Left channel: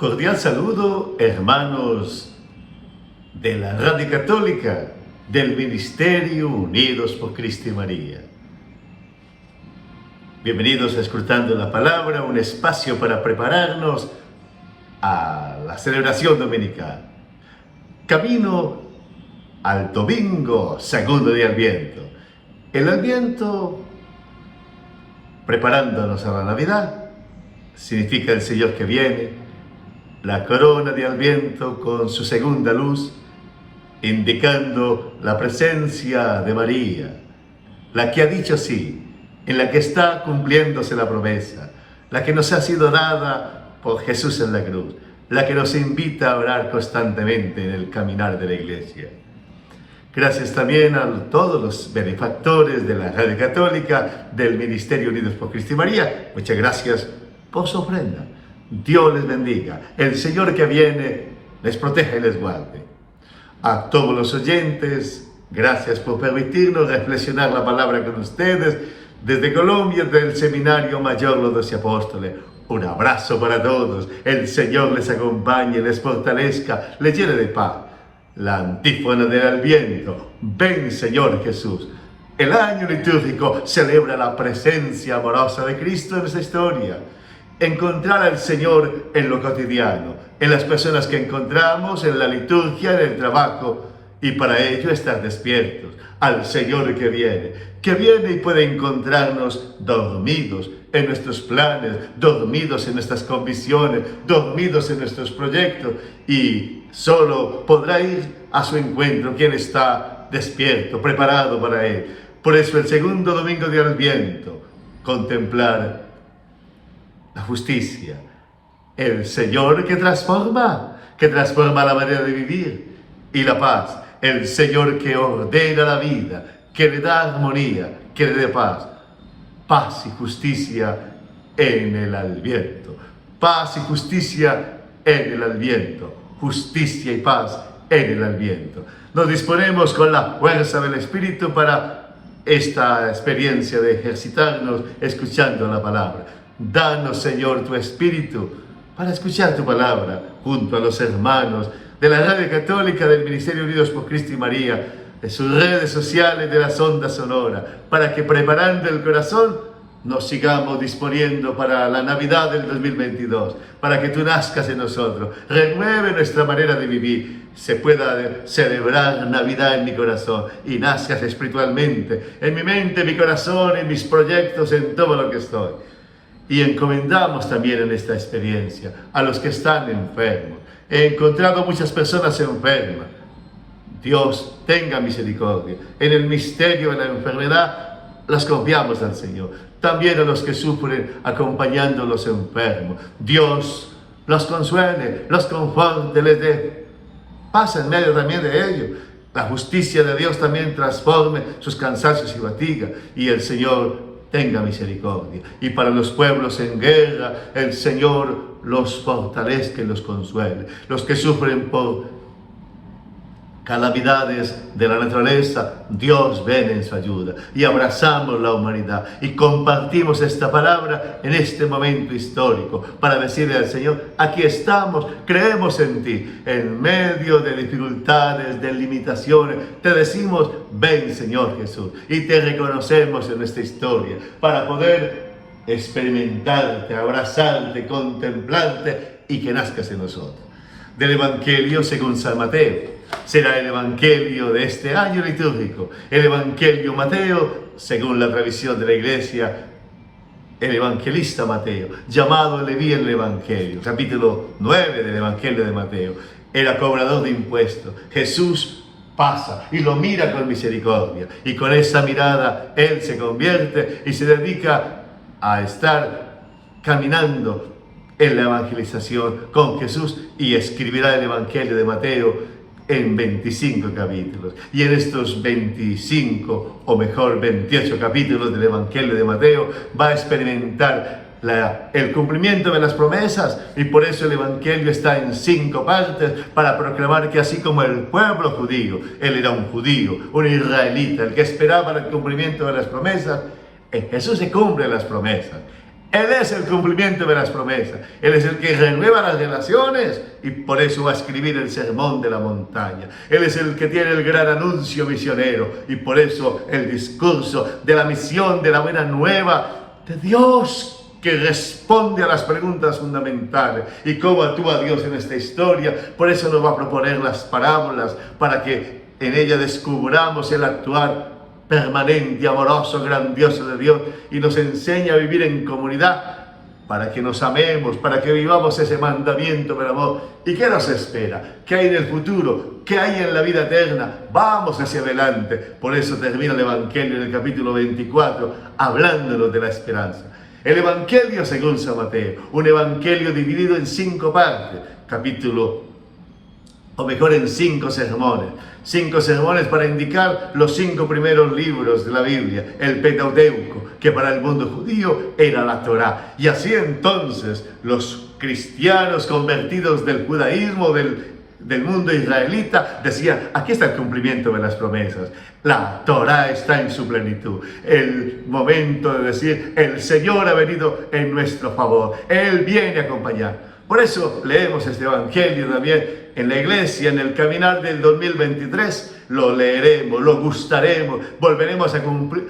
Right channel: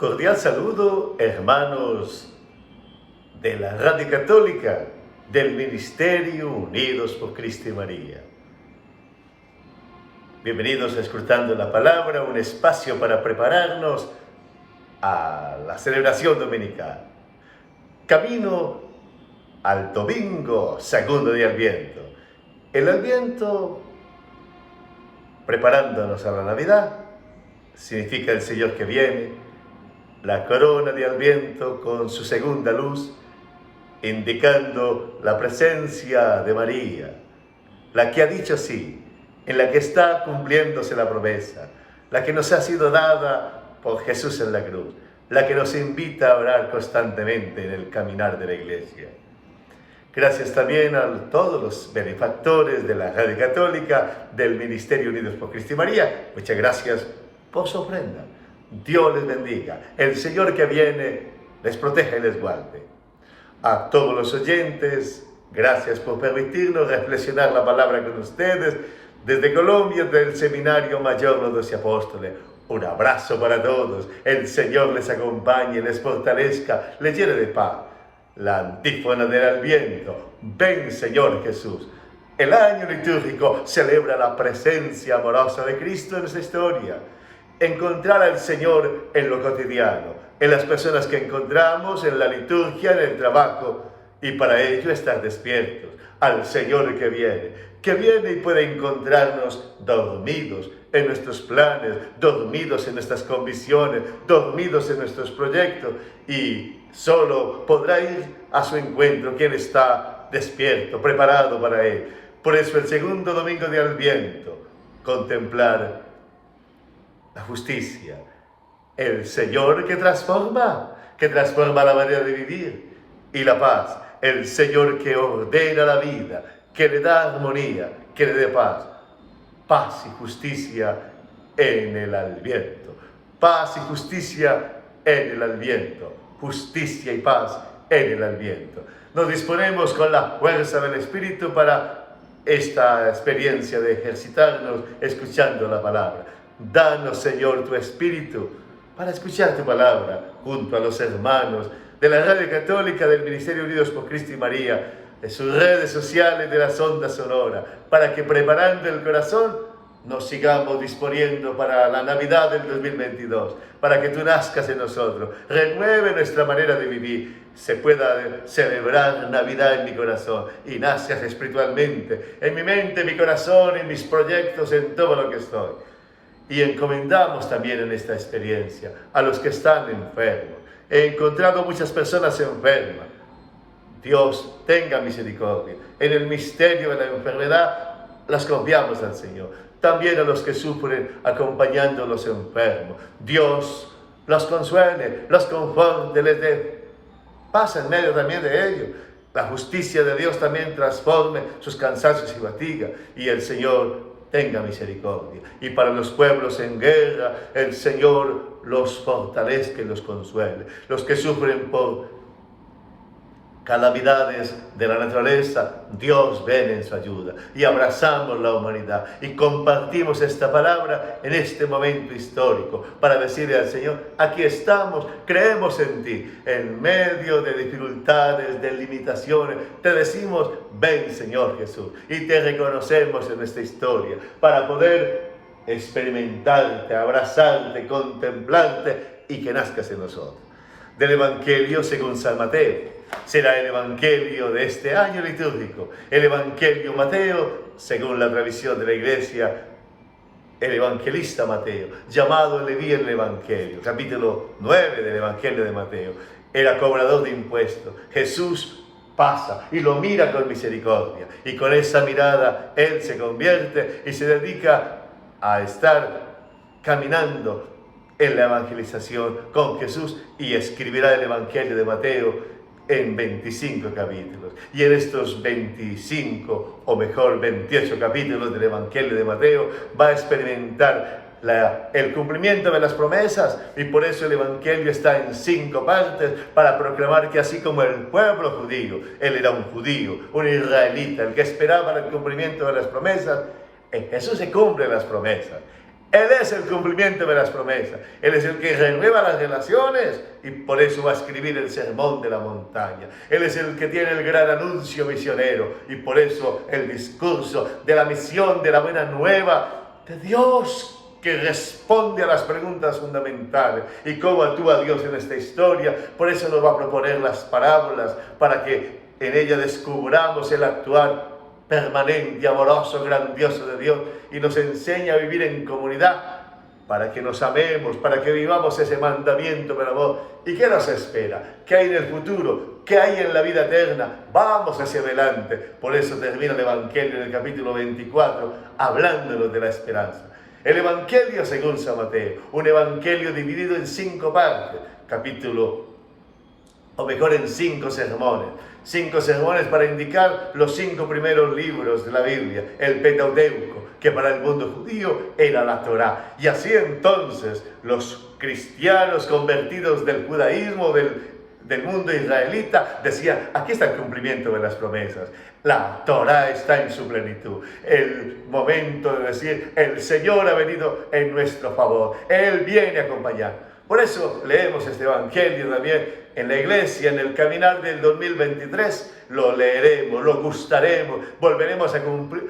Cordial saludo, hermanos de la Radio Católica del Ministerio Unidos por Cristo y María. Bienvenidos a Escrutando la Palabra, un espacio para prepararnos a la celebración dominical. Camino al domingo segundo de Adviento. El Adviento, preparándonos a la Navidad, significa el Señor que viene, la corona de Adviento con su segunda luz, indicando la presencia de María, la que ha dicho sí, en la que está cumpliéndose la promesa, la que nos ha sido dada por Jesús en la cruz, la que nos invita a orar constantemente en el caminar de la Iglesia. Gracias también a todos los benefactores de la Radio Católica, del Ministerio Unidos por Cristo y María. Muchas gracias por su ofrenda. Dios les bendiga. El Señor que viene les proteja y les guarde. A todos los oyentes, gracias por permitirnos reflexionar la palabra con ustedes desde Colombia, del Seminario Mayor Los Doce Apóstoles. Un abrazo para todos. El Señor les acompañe, les fortalezca, les llene de paz. La antífona del Adviento. Ven, Señor Jesús. El año litúrgico celebra la presencia amorosa de Cristo en nuestra historia. Encontrar al Señor en lo cotidiano, en las personas que encontramos, en la liturgia, en el trabajo, y para ello estar despiertos al Señor que viene y puede encontrarnos dormidos en nuestros planes, dormidos en nuestras convicciones, dormidos en nuestros proyectos, y solo podrá ir a su encuentro quien está despierto, preparado para Él. Por eso el segundo domingo de Adviento, contemplar la justicia, el Señor que transforma la manera de vivir, y la paz, el Señor que ordena la vida, que le da armonía, que le dé paz. Paz y justicia en el Adviento. Paz y justicia en el Adviento. Justicia y paz en el Adviento. Nos disponemos con la fuerza del Espíritu para esta experiencia de ejercitarnos escuchando la palabra. Danos, Señor, tu Espíritu para escuchar tu palabra junto a los hermanos de la Radio Católica del Ministerio Unidos por Cristo y María, de sus redes sociales, de las ondas sonoras, para que preparando el corazón nos sigamos disponiendo para la Navidad del 2022, para que tú nazcas en nosotros, renueve nuestra manera de vivir, se pueda celebrar Navidad en mi corazón y nazcas espiritualmente, en mi mente, en mi corazón, en mis proyectos, en todo lo que estoy. Y encomendamos también en esta experiencia a los que están enfermos. He encontrado muchas personas enfermas. Dios tenga misericordia. En el misterio de la enfermedad las confiamos al Señor. También a los que sufren acompañando a los enfermos. Dios los consuele, los conforte, les dé paz en medio también de ellos. La justicia de Dios también transforme sus cansancios y fatigas. Y el Señor tenga misericordia. Y para los pueblos en guerra, el Señor los fortalezca y los consuele. Los que sufren por calamidades de la naturaleza, Dios viene en su ayuda. Y abrazamos la humanidad y compartimos esta palabra en este momento histórico para decirle al Señor, aquí estamos, creemos en ti. En medio de dificultades, de limitaciones, te decimos, ven, Señor Jesús. Y te reconocemos en esta historia para poder experimentarte, abrazarte, contemplarte y que nazcas en nosotros. Del Evangelio según San Mateo. Será el Evangelio de este año litúrgico, el Evangelio Mateo, según la tradición de la Iglesia, el evangelista Mateo, llamado Leví en el Evangelio, capítulo 9 del Evangelio de Mateo. Era cobrador de impuestos. Jesús pasa y lo mira con misericordia, y con esa mirada él se convierte y se dedica a estar caminando en la evangelización con Jesús, y escribirá el Evangelio de Mateo en 25 capítulos. Y en estos 25, o mejor 28 capítulos del Evangelio de Mateo, va a experimentar el cumplimiento de las promesas, y por eso el Evangelio está en 5 partes, para proclamar que así como el pueblo judío, él era un judío, un israelita, el que esperaba el cumplimiento de las promesas, en Jesús se cumplen las promesas. Él es el cumplimiento de las promesas. Él es el que renueva las relaciones y por eso va a escribir el sermón de la montaña. Él es el que tiene el gran anuncio misionero y por eso el discurso de la misión, de la buena nueva de Dios, que responde a las preguntas fundamentales y cómo actúa Dios en esta historia. Por eso nos va a proponer las parábolas, para que en ella descubramos el actuar permanente, amoroso, grandioso de Dios, y nos enseña a vivir en comunidad, para que nos amemos, para que vivamos ese mandamiento del amor. ¿Y qué nos espera? ¿Qué hay en el futuro? ¿Qué hay en la vida eterna? Vamos hacia adelante. Por eso termina el Evangelio en el capítulo 24, hablándonos de la esperanza. El Evangelio según San Mateo, un Evangelio dividido en 5 partes, en 5 sermones. 5 sermones para indicar los 5 primeros libros de la Biblia, el Pentateuco, que para el mundo judío era la Torá. Y así entonces los cristianos convertidos del judaísmo, del mundo israelita, decían: aquí está el cumplimiento de las promesas. La Torá está en su plenitud. El momento de decir: el Señor ha venido en nuestro favor. Él viene a acompañar. Por eso leemos este Evangelio también en la iglesia, en el caminar del 2023. Lo leeremos, lo gustaremos, volveremos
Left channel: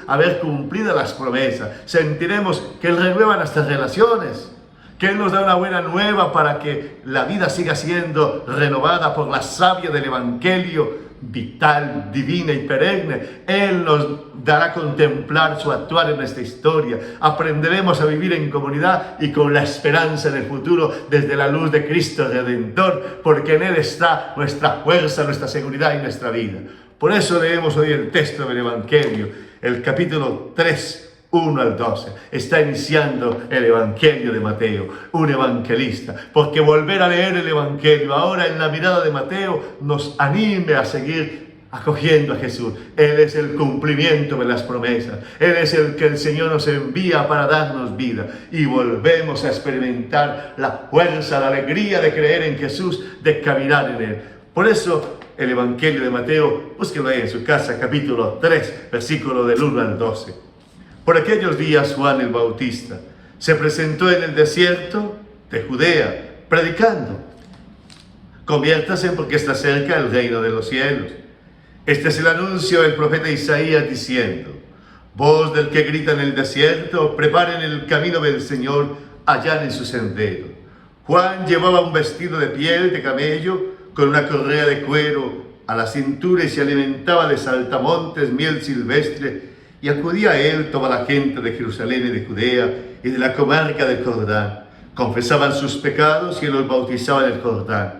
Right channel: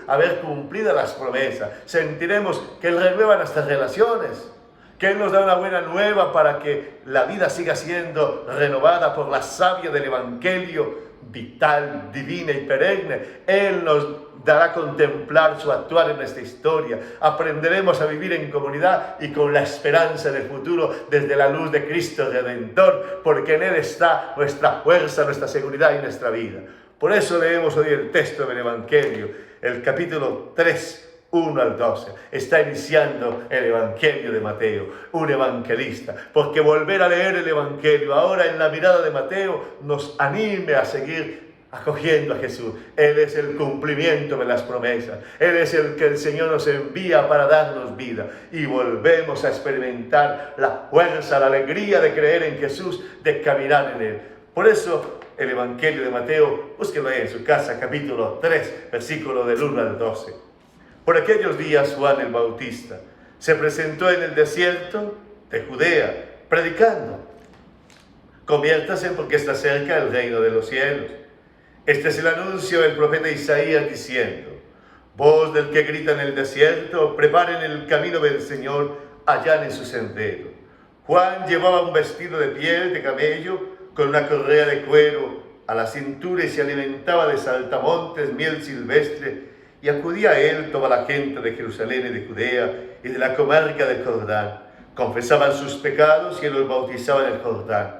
a ver cumplidas las promesas. Sentiremos que Él renueva nuestras relaciones, que Él nos da una buena nueva para que la vida siga siendo renovada por la savia del Evangelio, vital, divina y perenne. Él nos dará a contemplar su actuar en esta historia. Aprenderemos a vivir en comunidad y con la esperanza del futuro desde la luz de Cristo Redentor, porque en Él está nuestra fuerza, nuestra seguridad y nuestra vida. Por eso leemos hoy el texto del Evangelio, el capítulo 3, 1 al 12. Está iniciando el Evangelio de Mateo, un evangelista, porque volver a leer el Evangelio ahora en la mirada de Mateo nos anime a seguir acogiendo a Jesús. Él es el cumplimiento de las promesas. Él es el que el Señor nos envía para darnos vida, y volvemos a experimentar la fuerza, la alegría de creer en Jesús, de caminar en Él. Por eso el Evangelio de Mateo, búsquenlo ahí en su casa, capítulo 3, versículo del 1 al 12. Por aquellos días Juan el Bautista se presentó en el desierto de Judea, predicando: conviértase porque está cerca el reino de los cielos. Este es el anuncio del profeta Isaías diciendo: voz del que grita en el desierto, preparen el camino del Señor, allanen su sendero. Juan llevaba un vestido de piel de camello con una correa de cuero a la cintura y se alimentaba de saltamontes, miel silvestre. Y acudía a él toda la gente de Jerusalén y de Judea y de la comarca del Jordán. Confesaban sus pecados y él los bautizaba en el Jordán.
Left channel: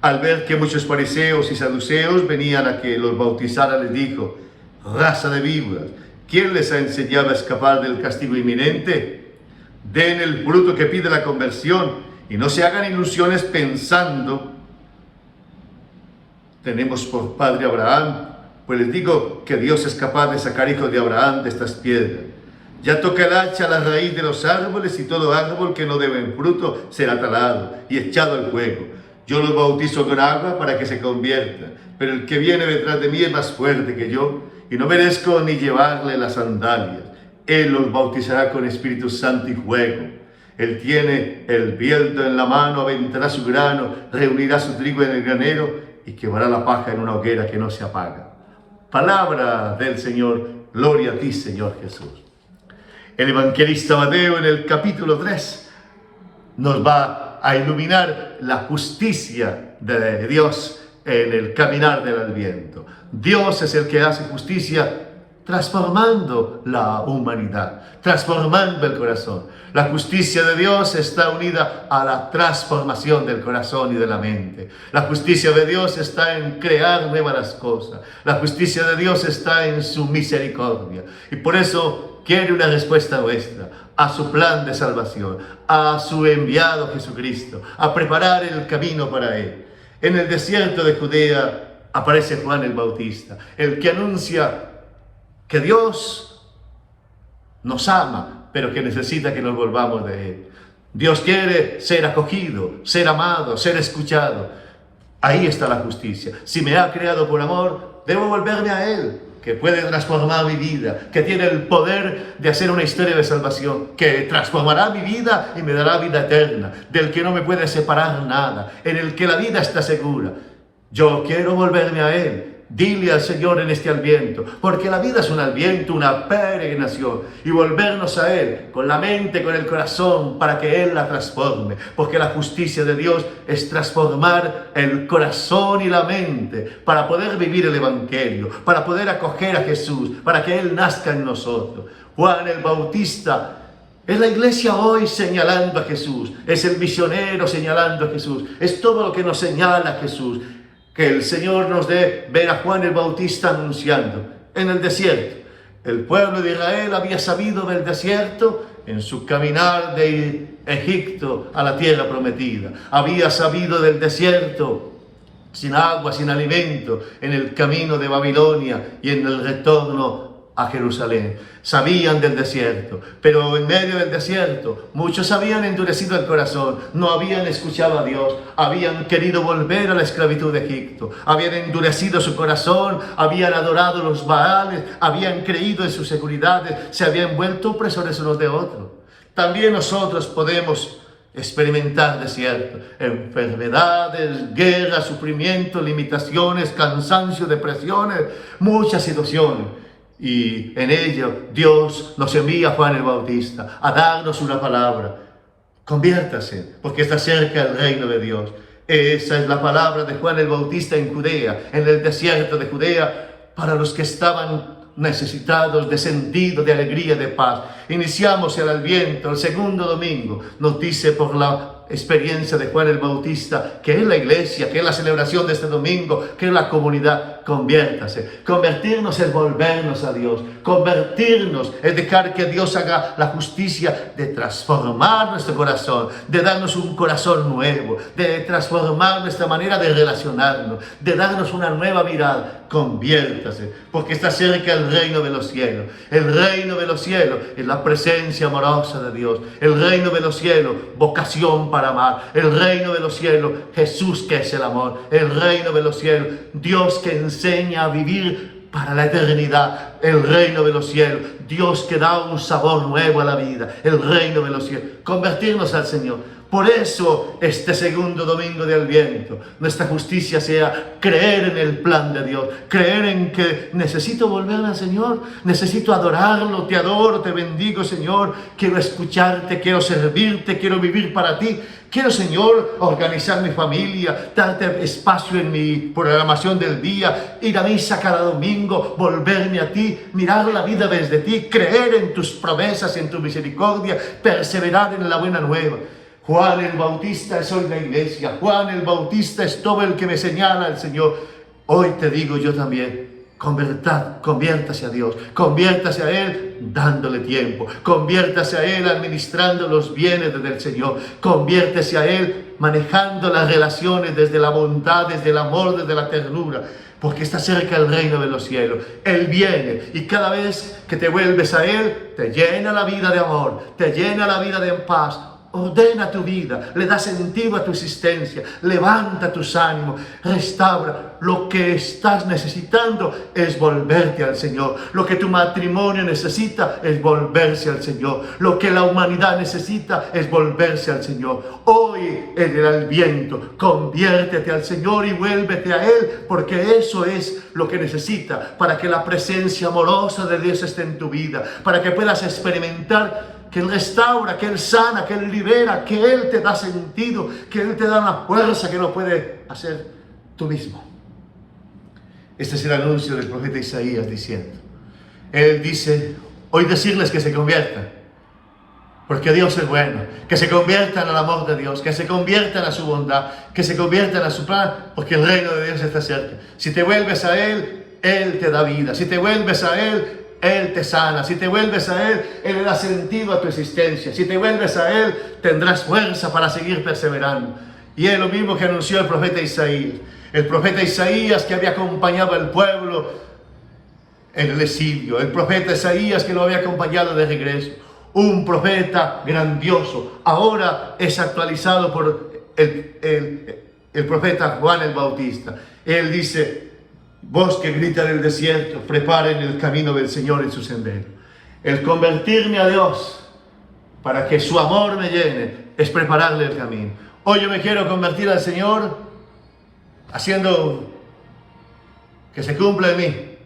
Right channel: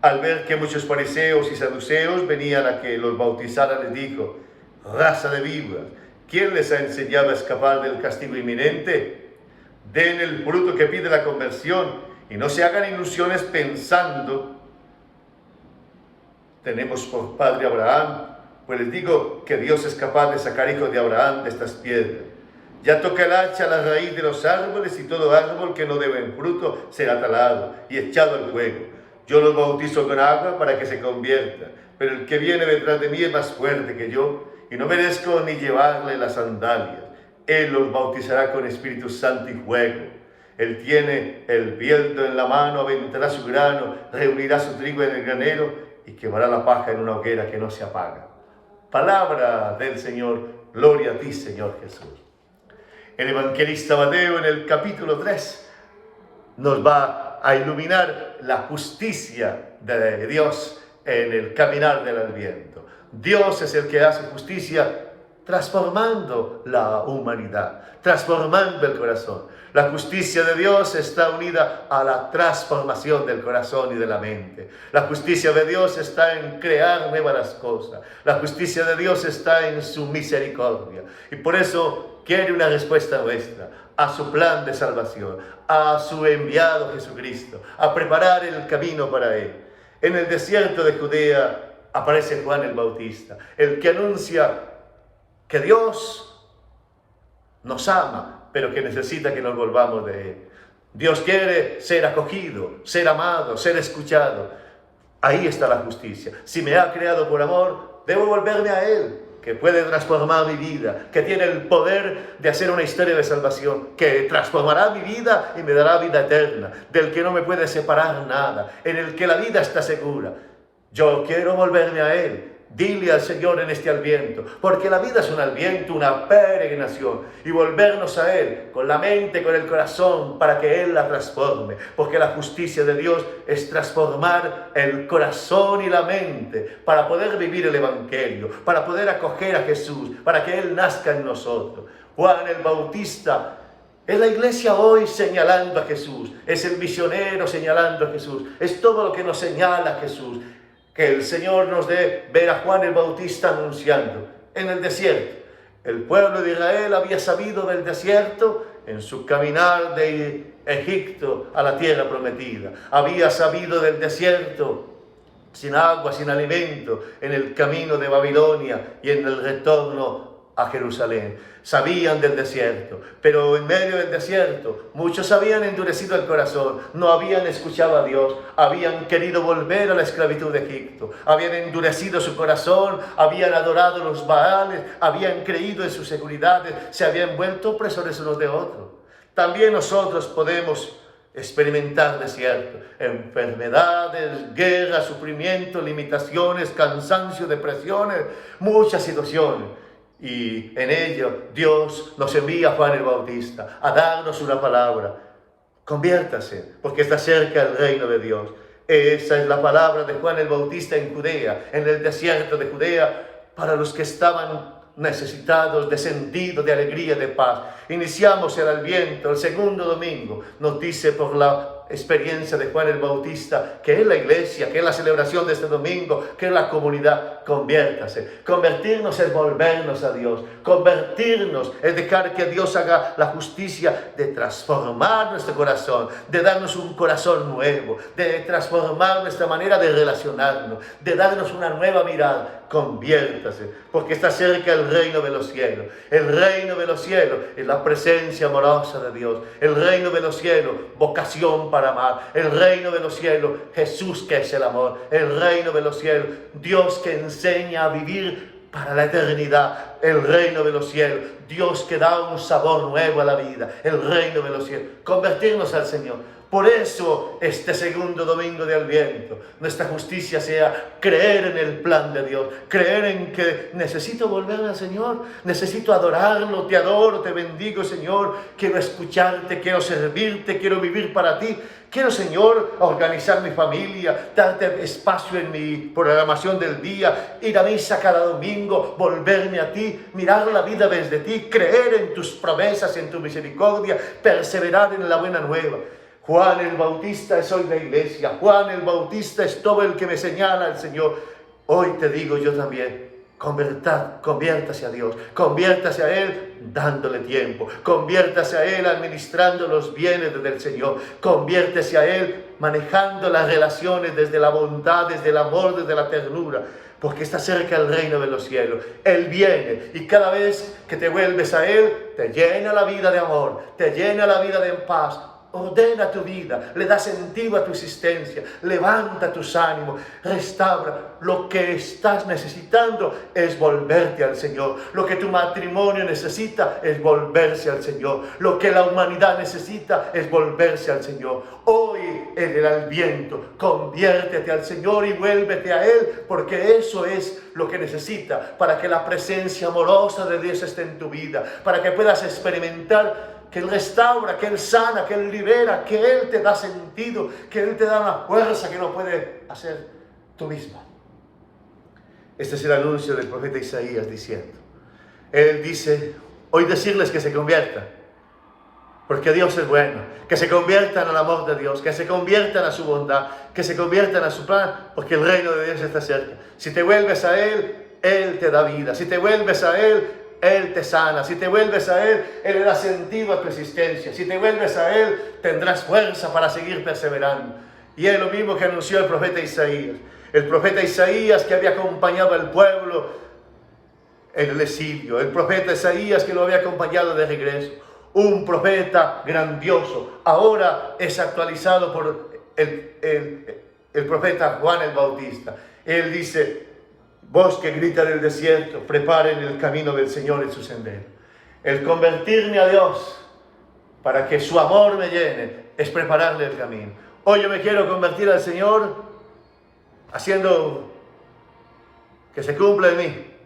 Al ver que muchos fariseos y saduceos venían a que los bautizara, les dijo: raza de víboras, ¿quién les ha enseñado a escapar del castigo inminente? Den el fruto que pide la conversión y no se hagan ilusiones pensando: tenemos por padre Abraham. Pues les digo que Dios es capaz de sacar hijos de Abraham de estas piedras. Ya toca el hacha a la raíz de los árboles, y todo árbol que no dé fruto será talado y echado al fuego. Yo los bautizo con agua para que se conviertan, pero el que viene detrás de mí es más fuerte que yo, y no merezco ni llevarle las sandalias. Él los bautizará con Espíritu Santo y fuego. Él tiene el viento en la mano, aventará su grano, reunirá su trigo en el granero y quemará la paja en una hoguera que no se apaga. Palabra del Señor. Gloria a ti, Señor Jesús. El evangelista Mateo en el capítulo 3 nos va a iluminar la justicia de Dios en el caminar del Adviento. Dios es el que hace justicia transformando la humanidad, transformando el corazón. La justicia de Dios está unida a la transformación del corazón y de la mente. La justicia de Dios está en crear nuevas cosas. La justicia de Dios está en su misericordia. Y por eso quiere una respuesta nuestra a su plan de salvación, a su enviado Jesucristo, a preparar el camino para Él. En el desierto de Judea aparece Juan el Bautista, el que anuncia que Dios nos ama, pero que necesita que nos volvamos de Él. Dios quiere ser acogido, ser amado, ser escuchado. Ahí está la justicia. Si me ha creado por amor, debo volverme a Él. que puede transformar mi vida, que tiene el poder de hacer una historia de salvación, que transformará mi vida y me dará vida eterna, del que no me puede separar nada, en el que la vida está segura. Yo quiero volverme a Él. Dile al Señor en este Adviento, porque la vida es un Adviento, una peregrinación, y volvernos a Él con la mente, con el corazón, para que Él la transforme, porque la justicia de Dios es transformar el corazón y la mente para poder vivir el Evangelio, para poder acoger a Jesús, para que Él nazca en nosotros. Juan el Bautista es la iglesia hoy señalando a Jesús, es el misionero señalando a Jesús, es todo lo que nos señala a Jesús. Que el Señor nos dé ver a Juan el Bautista anunciando en el desierto. El pueblo de Israel había sabido del desierto en su caminar de Egipto a la tierra prometida. Había sabido del desierto sin agua, sin alimento, en el camino de Babilonia y en el retorno a Jerusalén. Sabían del desierto, pero en medio del desierto muchos habían endurecido el corazón, no habían escuchado a Dios, habían querido volver a la esclavitud de Egipto, habían endurecido su corazón, habían adorado los Baales, habían creído en sus seguridades, se habían vuelto opresores unos de otros. También nosotros podemos experimentar desierto, enfermedades, guerras, sufrimiento, limitaciones, cansancio, depresiones, muchas situaciones. Y en ello Dios nos envía a Juan el Bautista a darnos una palabra. Conviértase, porque está cerca el reino de Dios. Esa es la palabra de Juan el Bautista en Judea, en el desierto de Judea, para los que estaban necesitados de sentido, de alegría, de paz. Iniciamos el Adviento, el segundo domingo. Nos dice por la experiencia de Juan el Bautista, que es la iglesia, que es la celebración de este domingo, que es la comunidad. Conviértase. Convertirnos es volvernos a Dios. Convertirnos es dejar que Dios haga la justicia de transformar nuestro corazón, de darnos un corazón nuevo, de transformar nuestra manera de relacionarnos, de darnos una nueva mirada. Conviértase, porque está cerca el reino de los cielos. El reino de los cielos es la presencia amorosa de Dios. El reino de los cielos, vocación para amar. El reino de los cielos, Jesús que es el amor. El reino de los cielos, Dios que enseña a vivir para la eternidad. El reino de los cielos, Dios que da un sabor nuevo a la vida. El reino de los cielos, convertirnos al Señor. Por eso, este segundo domingo de Adviento, nuestra justicia sea creer en el plan de Dios, creer en que necesito volver al Señor, necesito adorarlo, te adoro, te bendigo, Señor, quiero escucharte, quiero servirte, quiero vivir para ti, quiero, Señor, organizar mi familia, darte espacio en mi programación del día, ir a misa cada domingo, volverme a ti, mirar la vida desde ti, creer en tus promesas y en tu misericordia, perseverar en la buena nueva. Juan el Bautista es hoy la iglesia. Juan el Bautista es todo el que me señala el Señor. Hoy te digo yo también, conviértase a Dios. Conviértase a Él dándole tiempo. Conviértase a Él administrando los bienes del Señor. Conviértese a Él manejando las relaciones desde la bondad, desde el amor, desde la ternura. Porque está cerca el reino de los cielos. Él viene y cada vez que te vuelves a Él, te llena la vida de amor, te llena la vida de paz. Ordena tu vida, le da sentido a tu existencia, levanta tus ánimos, restaura. Lo que estás necesitando es volverte al Señor. Lo que tu matrimonio necesita es volverse al Señor. Lo que la humanidad necesita es volverse al Señor. Hoy en el Adviento, conviértete al Señor y vuélvete a Él, porque eso es lo que necesita para que la presencia amorosa de Dios esté en tu vida, para que puedas experimentar que Él restaura, que Él sana, que Él libera, que Él te da sentido, que Él te da una fuerza que no puede hacer tú mismo. Este es el anuncio del profeta Isaías diciendo. Él dice, hoy decirles que se conviertan, porque Dios es bueno, que se conviertan al amor de Dios, que se conviertan a su bondad, que se conviertan a su plan, porque el reino de Dios está cerca. Si te vuelves a Él, Él te da vida. Si te vuelves a Él, Él te sana. Si te vuelves a Él, Él le da sentido a tu existencia. Si te vuelves a Él, tendrás fuerza para seguir perseverando. Y es lo mismo que anunció el profeta Isaías. El profeta Isaías que había acompañado al pueblo en el exilio. El profeta Isaías que lo había acompañado de regreso. Un profeta grandioso. Ahora es actualizado por el profeta Juan el Bautista. Él dice, Voz que grita del desierto, preparen el camino del Señor en su sendero. El convertirme a Dios para que su amor me llene es prepararle el camino. Hoy yo me quiero convertir al Señor haciendo que se cumpla en mí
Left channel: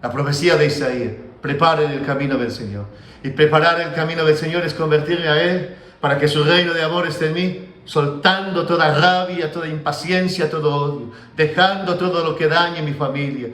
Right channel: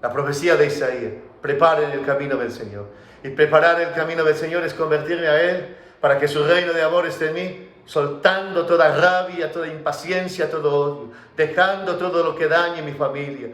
la profecía de Isaías. Preparen el camino del Señor. Y preparar el camino del Señor es convertirme a Él para que su reino de amor esté en mí, soltando toda rabia, toda impaciencia, todo odio, dejando todo lo que dañe mi familia,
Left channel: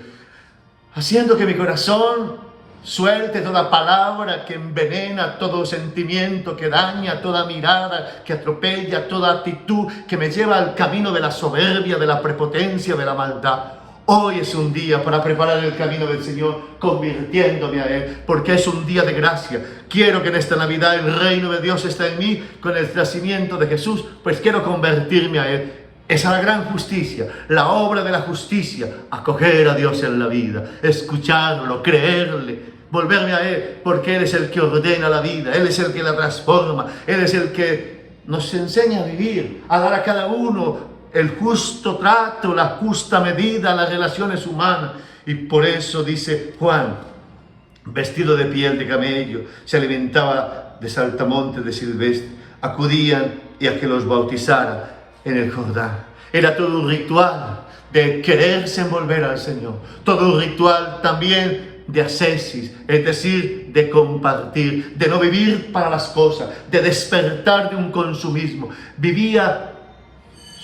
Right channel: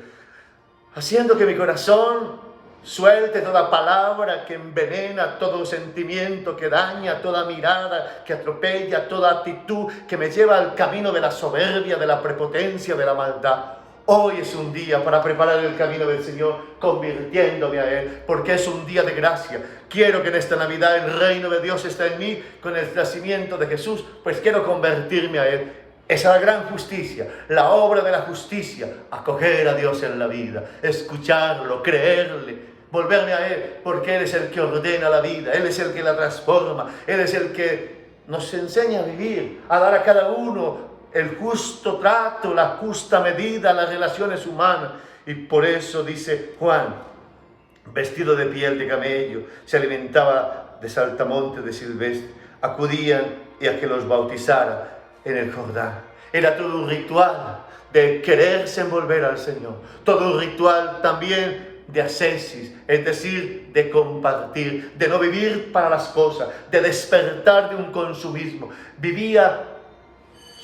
haciendo que mi corazón suelte toda palabra que envenena, todo sentimiento que daña, toda mirada que atropella, toda actitud que me lleva al camino de la soberbia, de la prepotencia, de la maldad. Hoy es un día para preparar el camino del Señor, convirtiéndome a Él, porque es un día de gracia. Quiero que en esta Navidad el reino de Dios esté en mí con el nacimiento de Jesús, pues quiero convertirme a Él. Esa es la gran justicia, la obra de la justicia, acoger a Dios en la vida, escucharlo, creerle, volverme a Él, porque Él es el que ordena la vida, Él es el que la transforma, Él es el que nos enseña a vivir, a dar a cada uno el justo trato, la justa medida, las relaciones humanas. Y por eso dice Juan, vestido de piel de camello, se alimentaba de saltamontes de silvestre, acudían y a que los bautizara en el Jordán. Era todo un ritual de quererse envolver al Señor, todo un ritual también de ascesis, es decir, de compartir, de no vivir para las cosas, de despertar de un consumismo. Vivía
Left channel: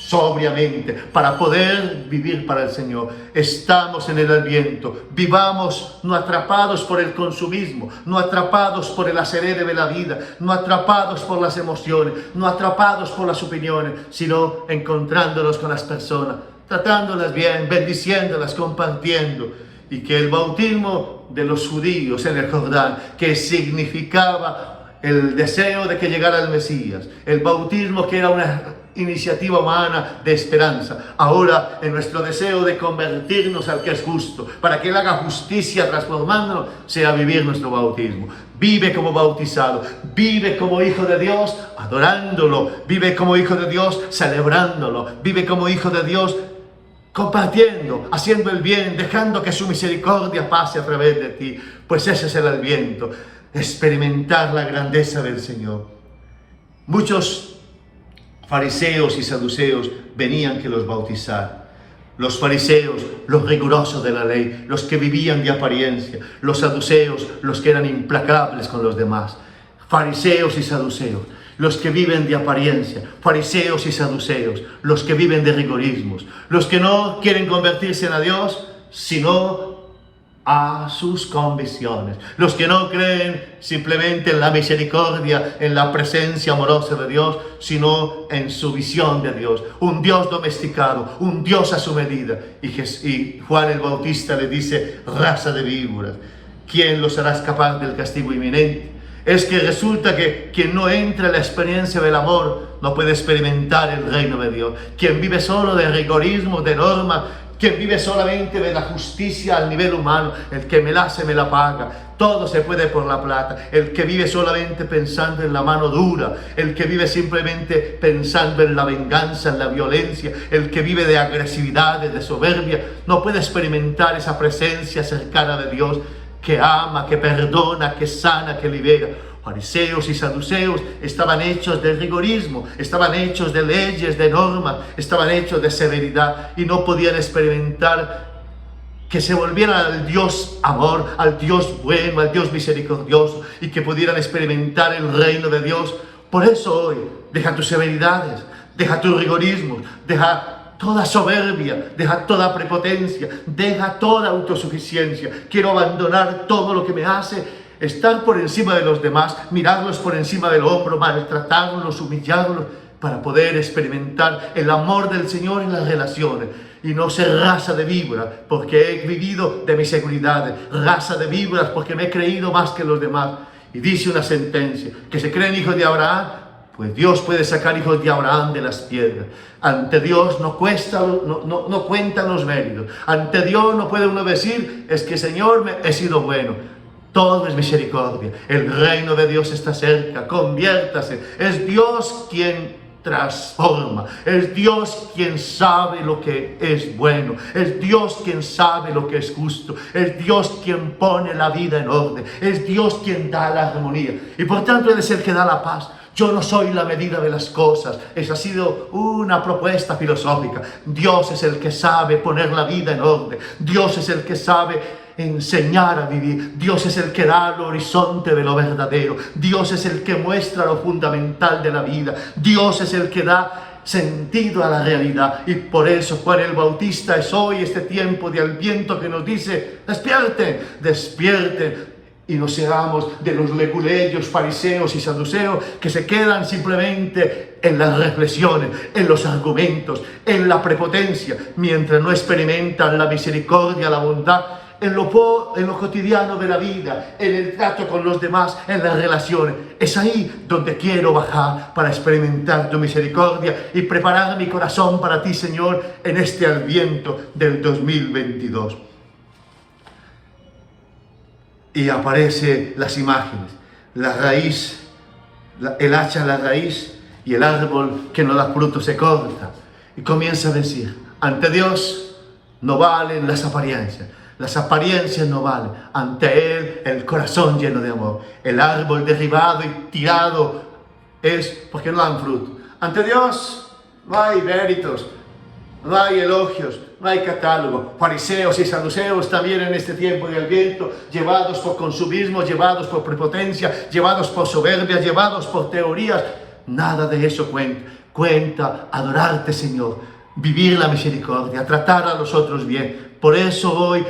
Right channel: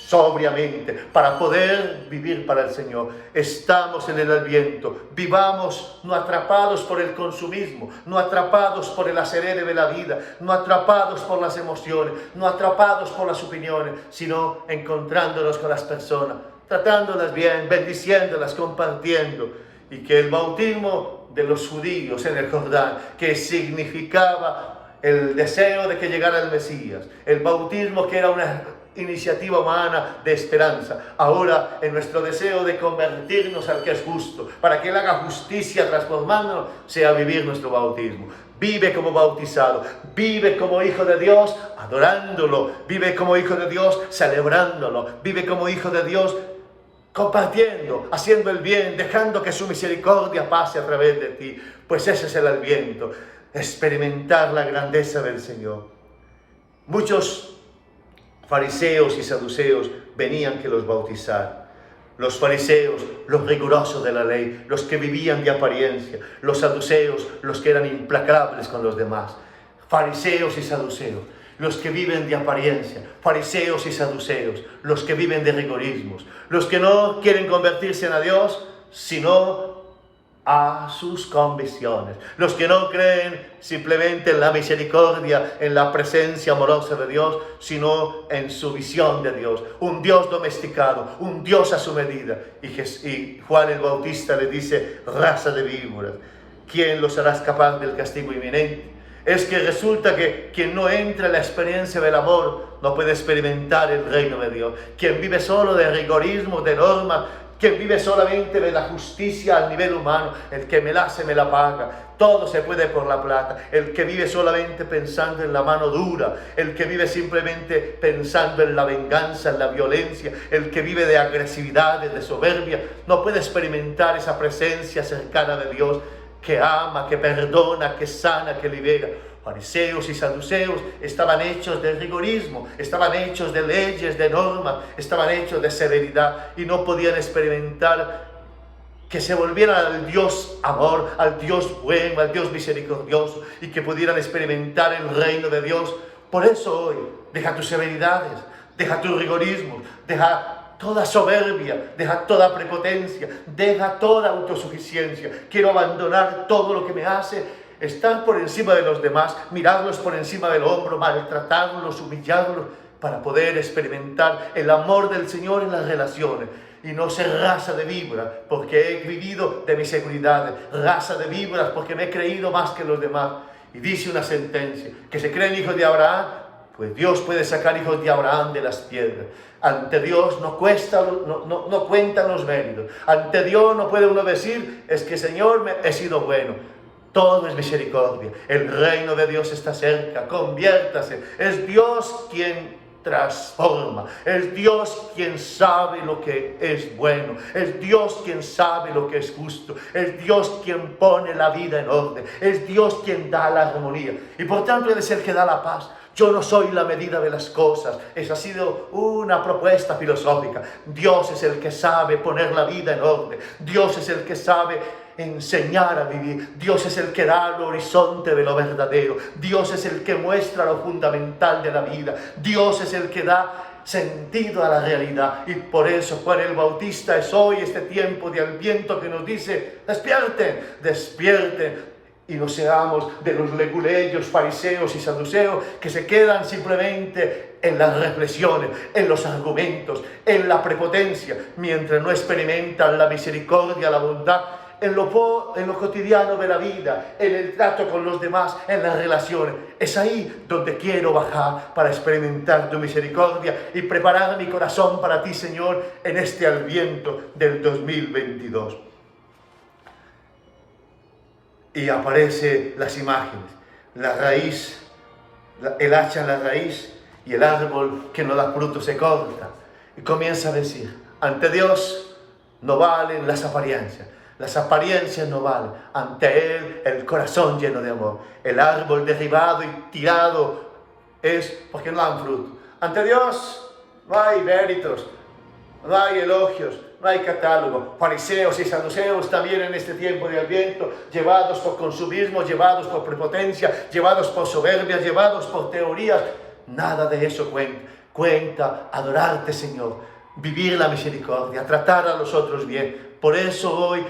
sobriamente para poder vivir para el Señor. Estamos en el Adviento, vivamos no atrapados por el consumismo, no atrapados por el acelere de la vida, no atrapados por las emociones, no atrapados por las opiniones, sino encontrándonos con las personas, tratándolas bien, bendiciéndolas, compartiendo. Y que el bautismo de los judíos en el Jordán, que significaba el deseo de que llegara el Mesías, el bautismo que era una iniciativa humana de esperanza, ahora en nuestro deseo de convertirnos al que es justo, para que Él haga justicia transformándonos, sea vivir nuestro bautismo. Vive como bautizado, vive como hijo de Dios adorándolo, vive como hijo de Dios celebrándolo, vive como hijo de Dios compartiendo, haciendo el bien, dejando que su misericordia pase a través de ti, pues ese es el Adviento, experimentar la grandeza del Señor. Muchos fariseos y saduceos venían que los bautizaran. Los fariseos, los rigurosos de la ley, los que vivían de apariencia. Los saduceos, los que eran implacables con los demás. Fariseos y saduceos, los que viven de apariencia. Fariseos y saduceos, los que viven de rigorismos. Los que no quieren convertirse en a Dios, sino a sus convicciones. Los que no creen simplemente en la misericordia, en la presencia amorosa de Dios, sino en su visión de Dios. Un Dios domesticado, un Dios a su medida. Y Juan el Bautista le dice, raza de víboras, ¿quién los hará escapar del castigo inminente? Es que resulta que quien no entra en la experiencia del amor no puede experimentar el reino de Dios. Quien vive solo de rigorismo, de normas, quien vive solamente de la justicia al nivel humano, el que me la hace me la paga, todo se puede por la plata, el que vive solamente pensando en la mano dura, el que vive simplemente pensando en la venganza, en la violencia, el que vive de agresividad, de soberbia, no puede experimentar esa presencia cercana de Dios que ama, que perdona, que sana, que libera. Fariseos y saduceos estaban hechos de rigorismo, estaban hechos de leyes, de normas, estaban hechos de severidad y no podían experimentar que se volvieran al Dios amor, al Dios bueno, al Dios misericordioso y que pudieran experimentar el reino de Dios. Por eso hoy, deja tus severidades, deja tus rigorismos, deja toda soberbia, deja toda prepotencia, deja toda autosuficiencia. Quiero abandonar todo lo que me hace estar por encima de los demás, mirarlos por encima del hombro, maltratarlos, humillarlos, para poder experimentar el amor del Señor en las relaciones y no ser raza de víboras, porque he vivido de mis seguridades, raza de víboras, porque me he creído más que los demás. Y dice una sentencia, que se creen hijos de Abraham, pues Dios puede sacar hijos de Abraham de las piedras. Ante Dios no cuentan los méritos. Ante Dios no puede uno decir, es que Señor, he sido bueno. Todo es misericordia. El reino de Dios está cerca. Conviértase. Es Dios quien transforma. Es Dios quien sabe lo que es bueno. Es Dios quien sabe lo que es justo. Es Dios quien pone la vida en orden. Es Dios quien da la armonía. Y por tanto Él es el que da la paz. Yo no soy la medida de las cosas. Esa ha sido una propuesta filosófica. Dios es el que sabe poner la vida en orden. Dios es el que sabe enseñar a vivir. Dios es el que da el horizonte de lo verdadero. Dios es el que muestra lo fundamental de la vida. Dios es el que da sentido a la realidad. Y por eso Juan el Bautista es hoy este tiempo de Adviento que nos dice: despierten, despierten. Y no seamos de los leguleyos, fariseos y saduceos que se quedan simplemente en las reflexiones, en los argumentos, en la prepotencia, mientras no experimentan la misericordia, la bondad, en lo cotidiano de la vida, en el trato con los demás, en las relaciones. Es ahí donde quiero bajar para experimentar tu misericordia y preparar mi corazón para ti, Señor, en este Adviento del 2022. Y aparecen las imágenes, la raíz, el hacha en la raíz y el árbol que no da fruto se corta. Y comienza a decir: ante Dios no valen las apariencias no valen. Ante Él el corazón lleno de amor. El árbol derribado y tirado es porque no dan fruto. Ante Dios no hay méritos, no hay elogios, no hay catálogo. Fariseos y saduceos también en este tiempo de Adviento, llevados por consumismo, llevados por prepotencia, llevados por soberbia, llevados por teorías. Nada de eso cuenta. Cuenta adorarte, Señor, vivir la misericordia, tratar a los otros bien. Por eso hoy,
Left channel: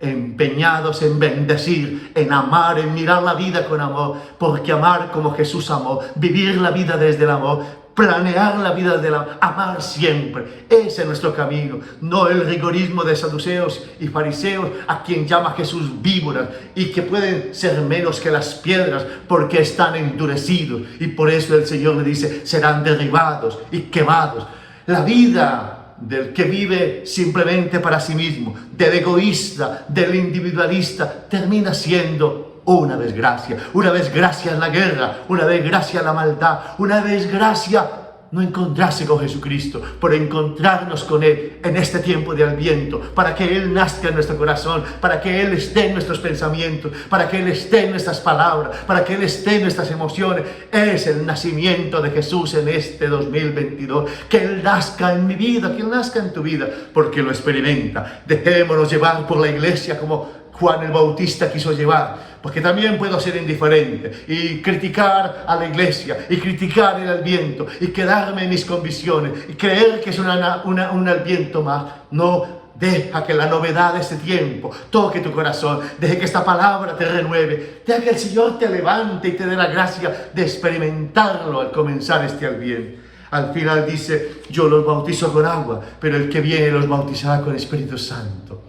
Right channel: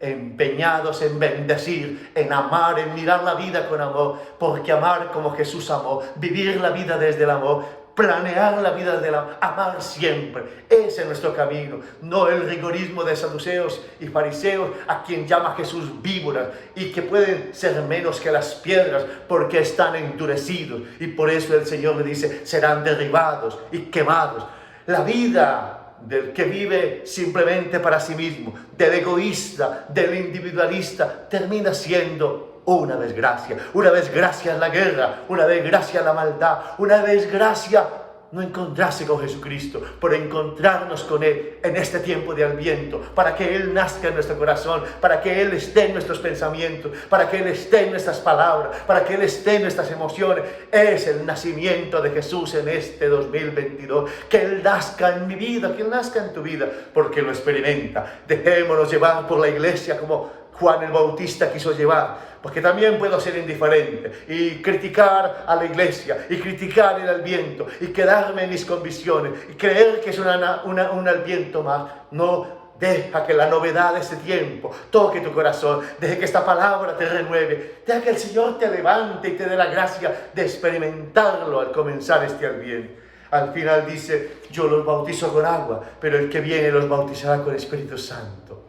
empeñados en bendecir, en amar, en mirar la vida con amor, porque amar como Jesús amó, vivir la vida desde el amor, planear la vida de amar siempre. Ese es nuestro camino, no el rigorismo de saduceos y fariseos, a quien llama Jesús víboras, y que pueden ser menos que las piedras porque están endurecidos, y por eso el Señor le dice: serán derribados y quemados. La vida del que vive simplemente para sí mismo, del egoísta, del individualista, termina siendo una desgracia. Una desgracia la guerra, una desgracia la maldad, una desgracia no encontrarse con Jesucristo, por encontrarnos con Él en este tiempo de Adviento, para que Él nazca en nuestro corazón, para que Él esté en nuestros pensamientos, para que Él esté en nuestras palabras, para que Él esté en nuestras emociones. Es el nacimiento de Jesús en este 2022. Que Él nazca en mi vida, que Él nazca en tu vida, porque lo experimenta. Dejémonos llevar por la iglesia como Juan el Bautista quiso llevar, porque también puedo ser indiferente y criticar a la iglesia y criticar el Adviento y quedarme en mis convicciones y creer que es un Adviento más. No, deja que la novedad de este tiempo toque tu corazón, deja que esta palabra te renueve, deja que el Señor te levante y te dé la gracia de experimentarlo al comenzar este Adviento. Al final dice: yo los bautizo con agua, pero el que viene los bautizará con Espíritu Santo.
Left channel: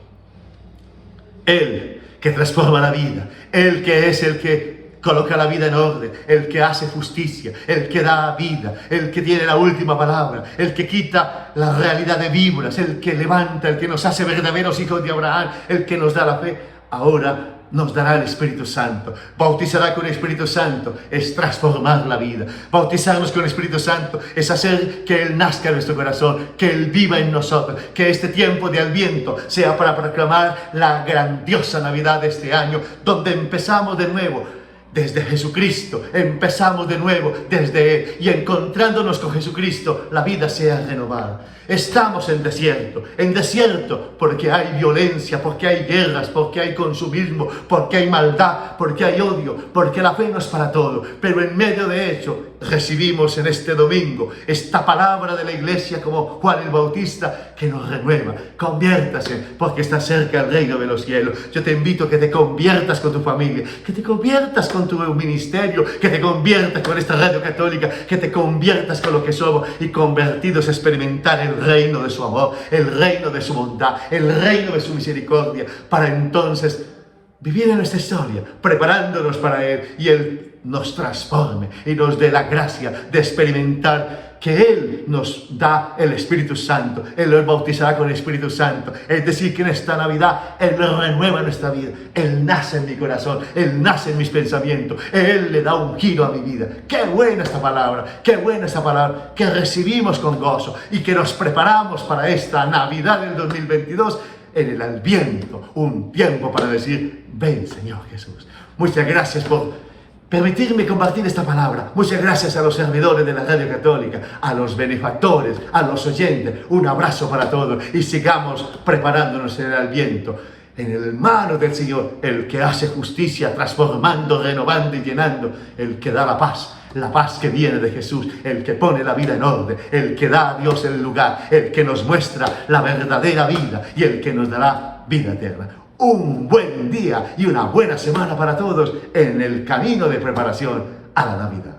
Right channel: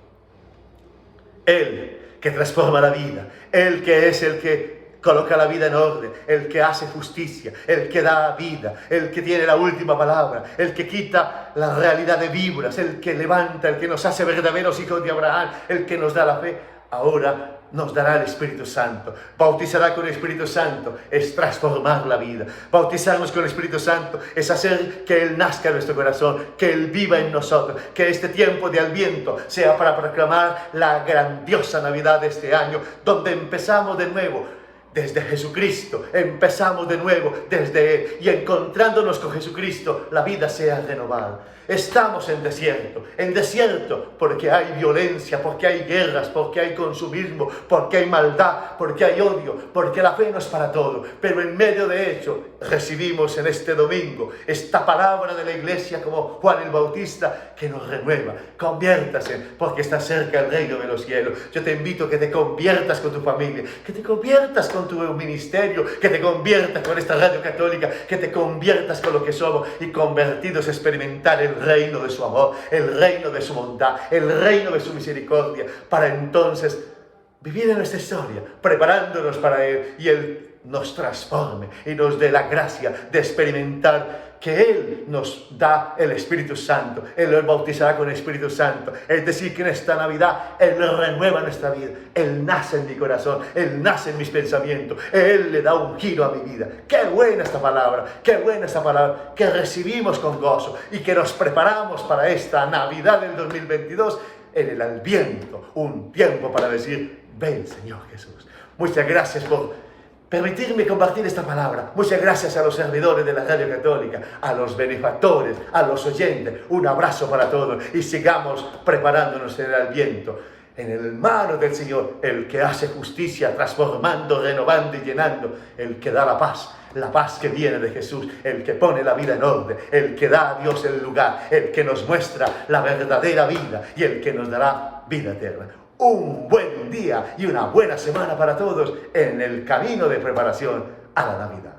Él que transforma la vida, Él que es el que coloca la vida en orden, el que hace justicia, el que da vida, el que tiene la última palabra, el que quita la realidad de víboras, el que levanta, el que nos hace verdaderos hijos de Abraham, el que nos da la fe. Ahora nos dará el Espíritu Santo. Bautizará con el Espíritu Santo es transformar la vida. Bautizarnos con el Espíritu Santo es hacer que Él nazca en nuestro corazón, que Él viva en nosotros, que este tiempo de Adviento sea para proclamar la grandiosa Navidad de este año, donde empezamos de nuevo desde Jesucristo, empezamos de nuevo desde Él, y encontrándonos con Jesucristo la vida sea renovada. Estamos en desierto porque hay violencia, porque hay guerras, porque hay consumismo, porque hay maldad, porque hay odio, porque la fe no es para todo. Pero en medio de ello recibimos en este domingo esta palabra de la iglesia como Juan el Bautista que nos renueva. Conviértase porque está cerca el reino de los cielos. Yo te invito a que te conviertas con tu familia, que te conviertas con tu ministerio, que te conviertas con esta radio católica, que te conviertas con lo que somos y convertidos a experimentar el reino de su amor, el reino de su bondad, el reino de su misericordia, para entonces vivir en nuestra historia, preparándonos para Él. Y el nos transforme y nos dé la gracia de experimentar que Él nos da el Espíritu Santo. Él nos bautizará con el Espíritu Santo. Es decir, que en esta Navidad Él renueva nuestra vida. Él nace en mi corazón. Él nace en mis pensamientos. Él le da un giro a mi vida. ¡Qué buena esta palabra! ¡Qué buena esta palabra! Que recibimos con gozo y que nos preparamos para esta Navidad del 2022 en el Adviento. Un tiempo para decir, ven Señor Jesús. Muchas gracias por permitirme compartir esta palabra. Muchas gracias a los servidores de la Radio Católica, a los benefactores, a los oyentes. Un abrazo para todos y sigamos preparándonos en el Adviento. En el mano del Señor, el que hace justicia, transformando, renovando y llenando, el que da la paz que viene de Jesús, el que pone la vida en orden, el que da a Dios el lugar, el que nos muestra la verdadera vida y el que nos dará vida eterna. Un buen día y una buena semana para todos en el camino de preparación a la Navidad.